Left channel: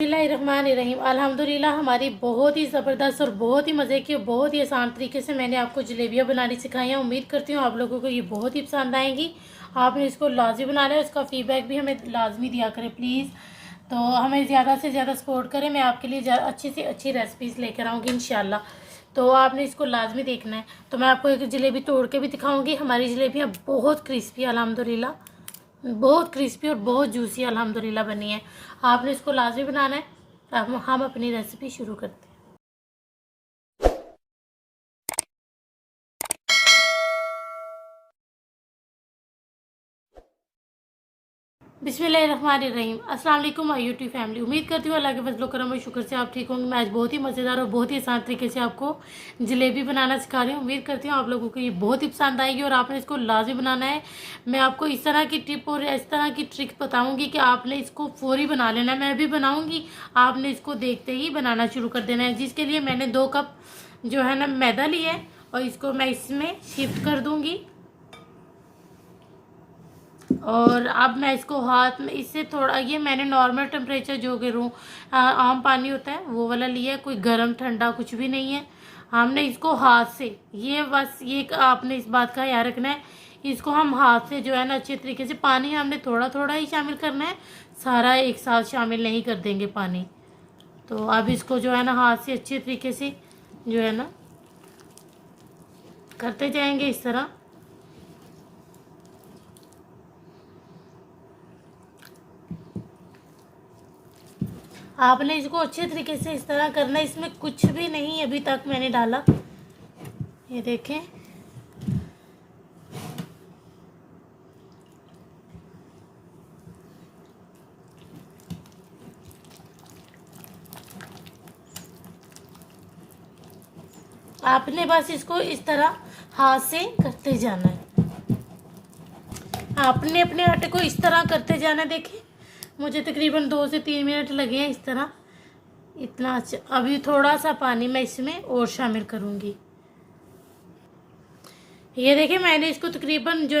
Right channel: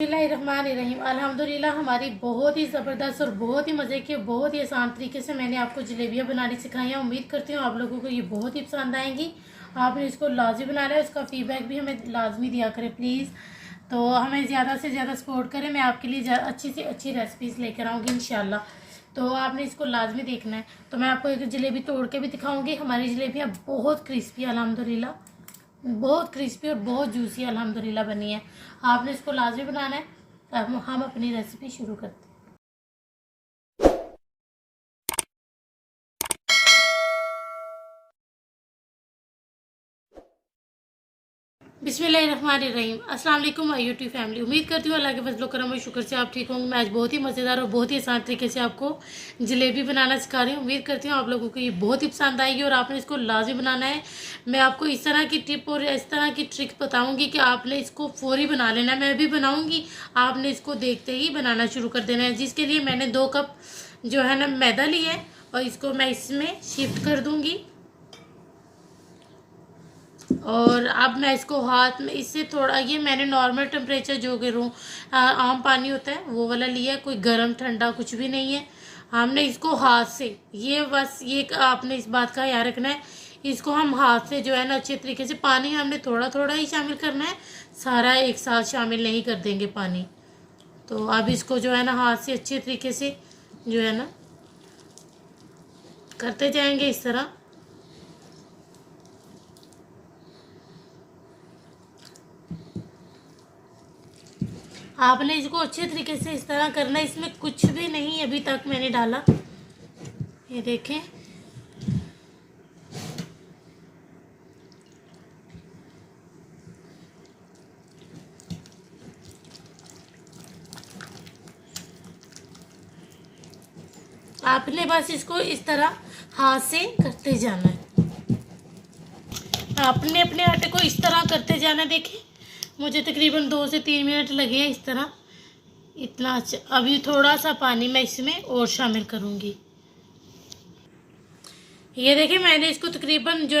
बिस्मिल्लाहिर्रहमानिर्रहीम। अल्हम्दुलिल्लाह हमारी बहुत ही ज़बरदस्त और बहुत ही मज़े की बहुत ही आसान तरीके से मैंने आपको जलेबियाँ बनानी सिखाई हैं। उम्मीद करती हूँ आप लोगों को ये बहुत ही पसंद आएंगी। आपने इसको लाजमी बनाना है, उसका फीडबैक भी हमें लाजमी दिया करें प्लीज़। तो हमें ज़्यादा से ज़्यादा सपोर्ट करें, मैं आपके लिए अच्छी से अच्छी रेसिपीज़ लेकर आऊँगी इंशाल्लाह। तो आपने इसको लाजमी देखना है। तो मैं आपको एक जलेबी तोड़ के भी दिखाऊँगी। हमारी जलेबियाँ बहुत क्रिस्पी अल्हम्दुलिल्लाह, बहुत क्रिस्पी और बहुत जूसी अल्हम्दुलिल्लाह बनी है। आपने इसको लाजमी बनाना है। अब हम अपनी रेसिपी शुरू करते हैं। बिस्मिल्लाहिर्रहमानिर्रहीम। अस्सलाम वालेकुम माय यूट्यूब फैमिली। उम्मीद करती हूँ अल्लाह के फजल करम और शुक्र से आप ठीक होंगे। मैं आज बहुत ही मज़ेदार और बहुत ही आसान तरीके से आपको जलेबी बनाना सिखा रही हूँ। उम्मीद करती हूँ आप लोगों को ये बहुत ही पसंद आएगी और आपने इसको लाजमी बनाना है। मैं आपको इस तरह की टिप और इस तरह की ट्रिक बताऊँगी कि आपने इसको फौरी बना लेना। मैं भी बनाऊँगी, आपने इसको देखते ही बनाना शुरू कर देना है। जिसके लिए मैंने 2 कप जो है ना मैदा लिया है और इसको मैं इसमें शिफ्ट कर दूँगी। और अब मैं इसको हाथ में इससे थोड़ा, ये मैंने नॉर्मल टेम्परेचर जो कि रूम आम पानी होता है वो वाला लिया है, कोई गर्म ठंडा कुछ भी नहीं है। हमने इसको हाथ से, ये बस ये आपने इस बात का याद रखना है, इसको हम हाथ से जो है ना अच्छे तरीके से, पानी हमने थोड़ा थोड़ा ही शामिल करना है, सारा एक साथ शामिल नहीं कर देंगे पानी। तो अब इसको जो है ना हाथ से अच्छे तरीके से जो है ना करते जाएंगे इस तरह। आपने इसको अच्छे तरीके से इस तरह करना है। इसमें कुछ भी नहीं अभी तक मैंने डाला, ये देखें। आपने बस इसको इस तरह हाथ से करते जाना है। आपने अपने आटे को इस तरह करते जाना है। देखिए मुझे तकरीबन 2 से 3 मिनट लगे हैं इस तरह। इतना अच्छा। अभी थोड़ा सा पानी मैं इसमें और शामिल करूँगी। ये देखिए मैंने इसको तकरीबन जो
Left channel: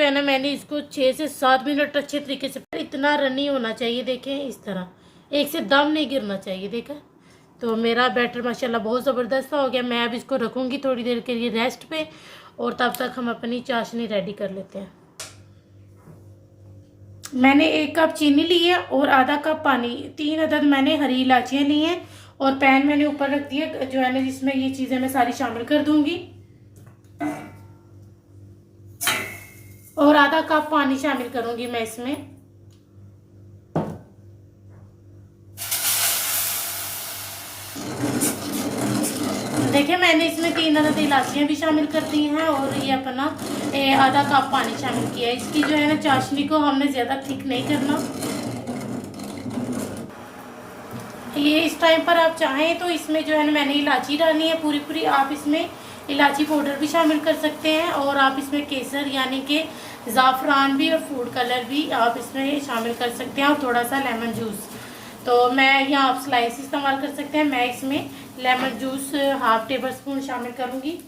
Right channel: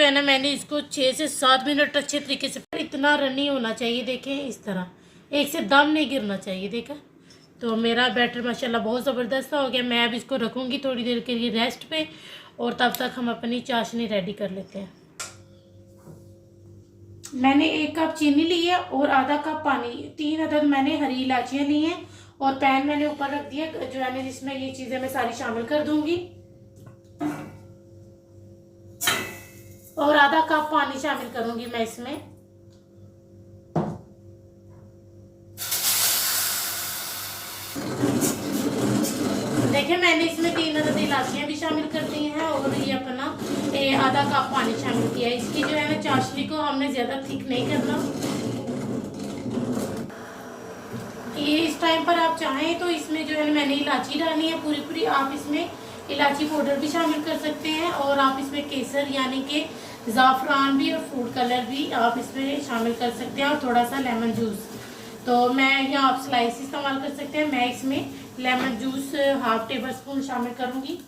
है ना मैंने इसको 6 से 7 मिनट अच्छे तरीके से, इतना रनी होना चाहिए। देखें इस तरह, एक से दम नहीं गिरना चाहिए। देखा, तो मेरा बैटर माशाल्लाह बहुत ज़बरदस्त हो गया। मैं अब इसको रखूँगी थोड़ी देर के लिए रेस्ट पे, और तब तक हम अपनी चाशनी रेडी कर लेते हैं। मैंने 1 कप चीनी ली है और आधा कप पानी, 3 अदद मैंने हरी इलायचियाँ ली हैं, और पैन मैंने ऊपर रख दिया जो है ना, जिसमें ये चीज़ें मैं सारी शामिल कर दूंगी। और आधा कप पानी शामिल करूंगी मैं इसमें। देखिए मैंने इसमें 3 अदद इलायचियाँ भी शामिल कर दी हैं, और ये अपना आधा कप पानी शामिल किया है। इसकी जो है ना चाशनी को हमने ज़्यादा थिक नहीं करना। ये इस टाइम पर आप चाहें तो इसमें जो है ना मैंने इलायची डालनी है पूरी पूरी, आप इसमें इलायची पाउडर भी शामिल कर सकते हैं, और आप इसमें केसर यानी कि ज़ाफ़रान भी और फूड कलर भी आप इसमें शामिल कर सकते हैं, और थोड़ा सा लेमन जूस। तो मैं यहाँ आप स्लाइस इस्तेमाल कर सकते हैं। मैं इसमें लेमन जूस 1/2 टेबल स्पून शामिल करूँगी।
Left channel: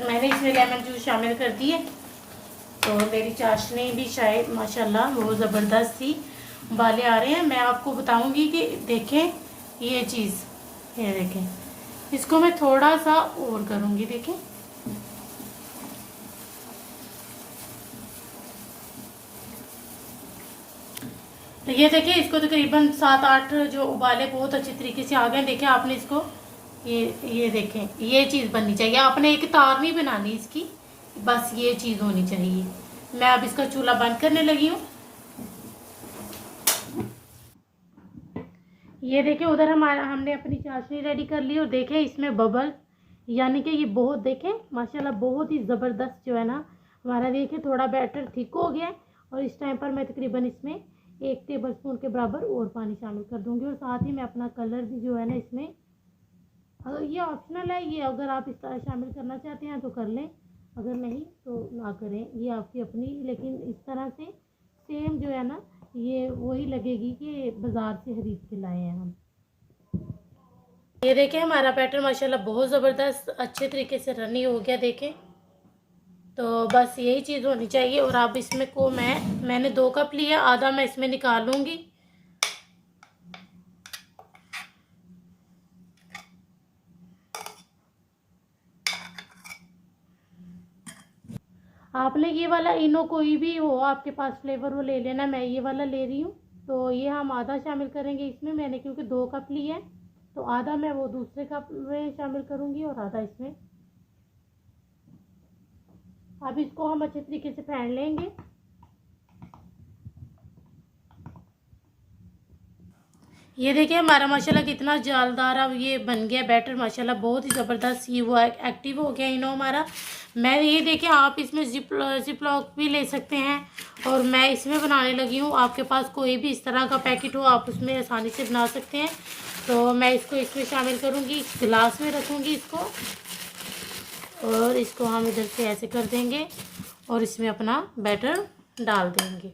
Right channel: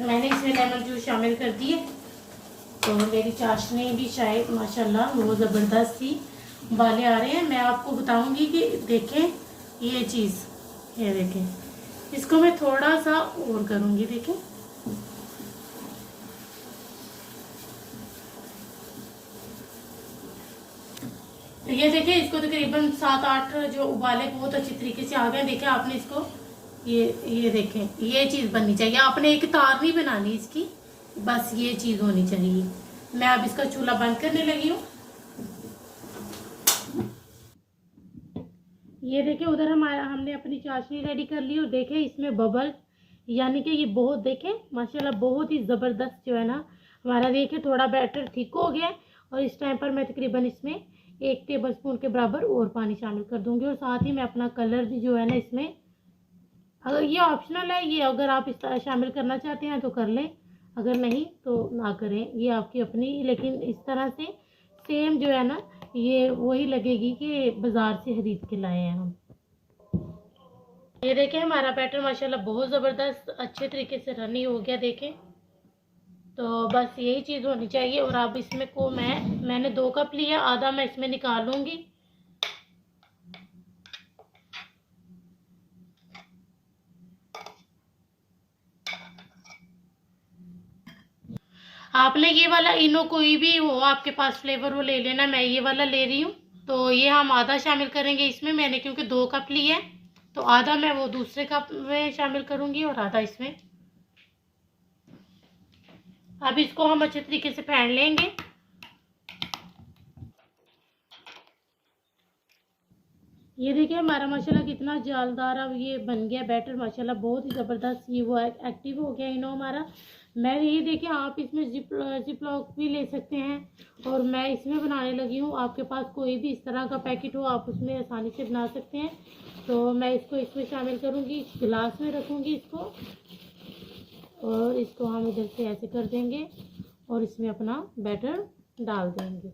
मैंने इसमें लेमन जूस शामिल कर दिए। तो मेरी चाशनी भी शायद माशाल्लाह वो ज़बरदस्त सी उबाले आ रहे हैं। मैं आपको बताऊंगी कि देखें ये चीज़, ये देखें, इसको मैं थोड़ा सा और करूंगी। देखें तो ये देखिए, इसको तकरीबन 7-8 जो उबाले बहुत अच्छी तरीके से आ गए। देखिए आपने इसको, ये देखें, ये चीज़ बननी चाहिए। आपने एक तार नहीं बनानी इसकी, बस ये चीज़ होनी चाहिए। मैं अब इसका चूल्हा बंद करने लगी हूँ। ये देखिए उधर हमने अपनी चाशनी रेडी कर ली, और देखें इसमें बबल, यानी कि ये बहुत, देखें माशाल्लाह बहुत ही ज़बरदस्त जो है ना हमारा, देखिए थोड़ा बैटर थिक हो गया है। और इस टाइम पर मैं तकरीबन इसमें 1 टेबल स्पून के बराबर और पानी शामिल कर दूंगी, और साथ ही मैं अपना कलर भी जो है ना इसमें, अगर ये ऑप्शनल है, ये अगर आप इस तरह शामिल करना चाहते हैं तो कर लें, अगर नहीं तो ना करें, ये आपकी अपनी। लेकिन इस तरह से सेम जो है ना ये वही लगेगी कि बाज़ार से खरीद के लाए हैं हम। ये देखें हमारा बैटर माशाल्लाह बहुत ज़बरदस्त अच्छे तरीके से रनी हो गया। देखें, तो बस यही चीज़ होनी चाहिए। और अब इसमें को मैंने 2 कप लिया, आधा मैं इसमें निकालूंगी। आपने ये वाला इनो कोई भी हो आपके पास फ्लेवर वो ले लेना, मैं ये वाला ले रही हूँ। तो ये हम आधा शामिल करेंगे इसमें, मैंने क्योंकि 2 कप लिए हैं तो आधा मैं वो दूसरे कप में शामिल करूँगी और आधा इसमें। अब इसको हम अच्छे तरीके से फेंट लेंगे। ये देखिए हमारा माशाल्लाह कितना जालदार अब ये बन गया बैटर, माशाल्लाह बहुत ही ज़बरदस्त ये वो एक्टिव हो गया इनो हमारा। मैं ये देखिए आप इसमें जिप लॉक भी ले सकते हैं और मैं इसमें बनाने लगी हूँ। आपके पास कोई भी इस तरह का पैकेट हो आप उसमें आसानी से बना सकते हैं। तो मैं इसको इसमें शामिल करूँगी, इस गिलास में रखूँगी इसको और इसको हम इधर से ऐसे कर देंगे और इसमें अपना बैटर डाल देंगे।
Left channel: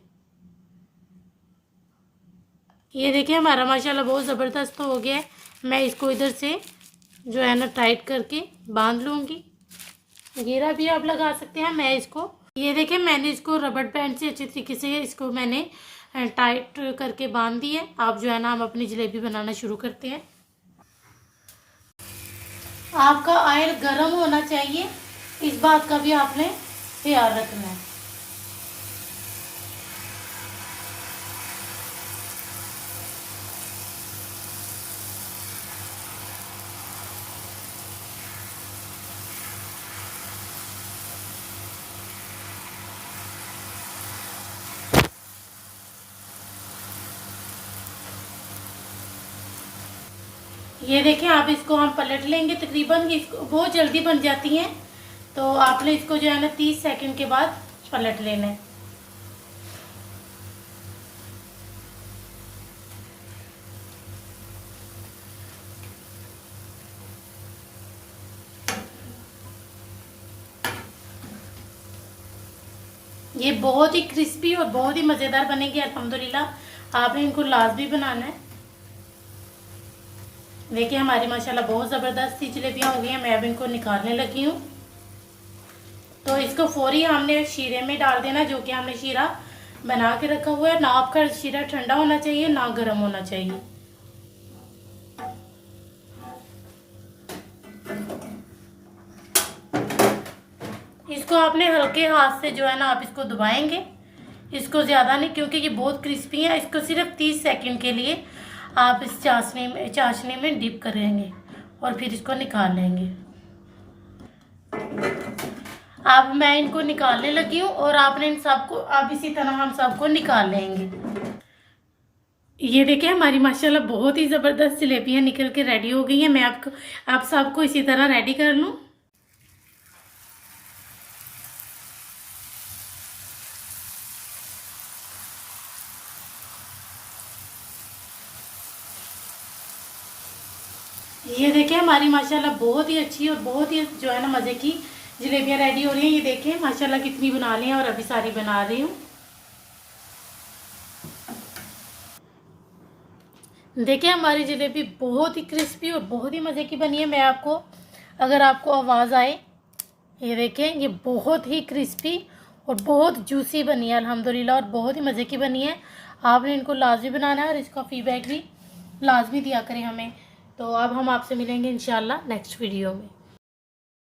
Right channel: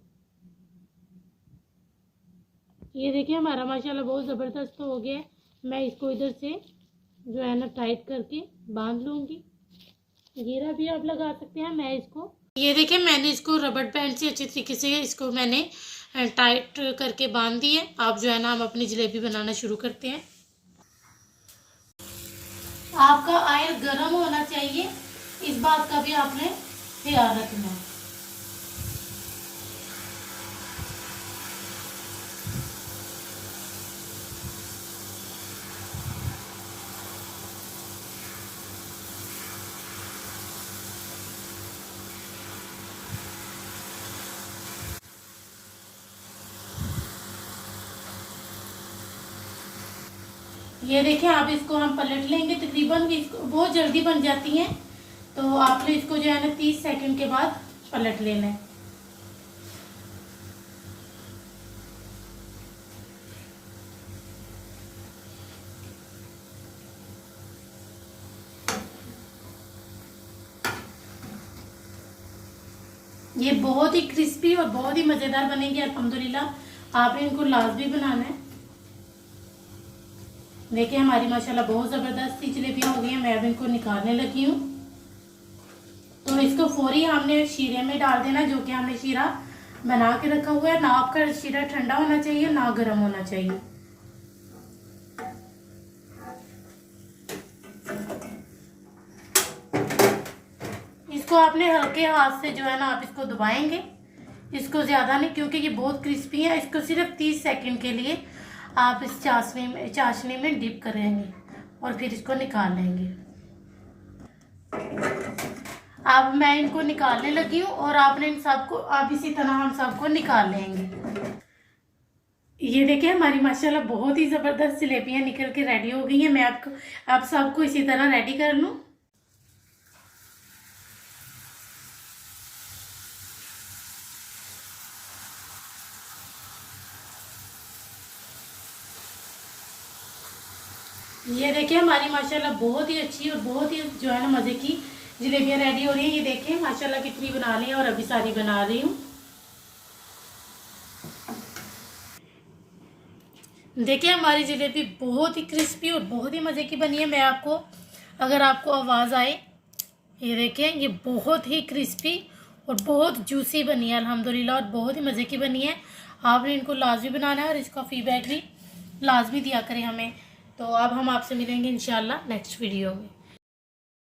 ये देखिए हमारा माशाल्लाह बहुत ज़बरदस्त हो गया है। मैं इसको इधर से जो है ना टाइट करके बांध लूँगी। घेरा भी आप लगा सकते हैं। मैं इसको ये देखिए मैंने इसको रबड़ बैंड से अच्छे तरीके से इसको मैंने टाइट करके बांध दी है। आप जो है ना हम अपनी जलेबी बनाना शुरू करते हैं। आपका ऑयल गर्म होना चाहिए, इस बात का भी आपने ख्याल रखना है। ये देखें आप इसको हम पलट लेंगे, तकरीबन इसको बहुत जल्दी बन जाती हैं। तो आपने इसको जो है ना 30 सेकंड के बाद पलट लेना है। ये बहुत ही क्रिस्पी और बहुत ही मज़ेदार बनेंगे अल्हम्दुलिल्लाह। आपने इनको लाजमी बनाना है। देखिए हमारी माशाल्लाह बहुत ज़बरदस्त सी जलेबियाँ हो गई हैं। मैं अब इनको निकालने लगी हूँ। तो इसको फौरी हमने शीरे में डाल देना, जो कि हमने शीरा बना के रखा हुआ है। ना आपका शीरा ठंडा होना चाहिए ना गर्म होना चाहिए। इसको आपने हल्के हाथ से जो है ना आप इसको दबाएंगे, इसको ज़्यादा नहीं, क्योंकि ये बहुत क्रिस्पी है। इसको सिर्फ 30 सेकंड के लिए आप इस चाशनी में डिप करेंगे और फिर इसको निकाल लेंगे। अब मैं इनको निकालने लगी हूँ और आपने इन सबको अब इसी तरह हम सबको निकाल लेंगे। ये देखिए हमारी माशाल्लाह बहुत ही ज़बरदस्त जलेबियाँ निकल के रेडी हो गई हैं। मैं आपको आप सबको इसी तरह रेडी कर लूँ। ये देखिए हमारी माशाल्लाह बहुत ही अच्छी और बहुत ही जो है ना मज़े की जलेबियाँ रेडी हो रही हैं। ये देखिए माशाल्लाह कितनी बना ली हैं और अभी सारी बना रही हूँ। देखिए हमारी जलेबी बहुत ही क्रिस्पी और बहुत ही मज़े की बनी है। मैं आपको अगर आपको आवाज़ आए, ये देखें ये बहुत ही क्रिस्पी और बहुत जूसी बनी है अल्हम्दुलिल्लाह और बहुत ही मज़े की बनी है। आपने इनको लाजमी बनाना है और इसका फीडबैक भी लाजमी दिया करें हमें। तो अब हम आपसे मिलेंगे इंशाल्लाह नेक्स्ट वीडियो में।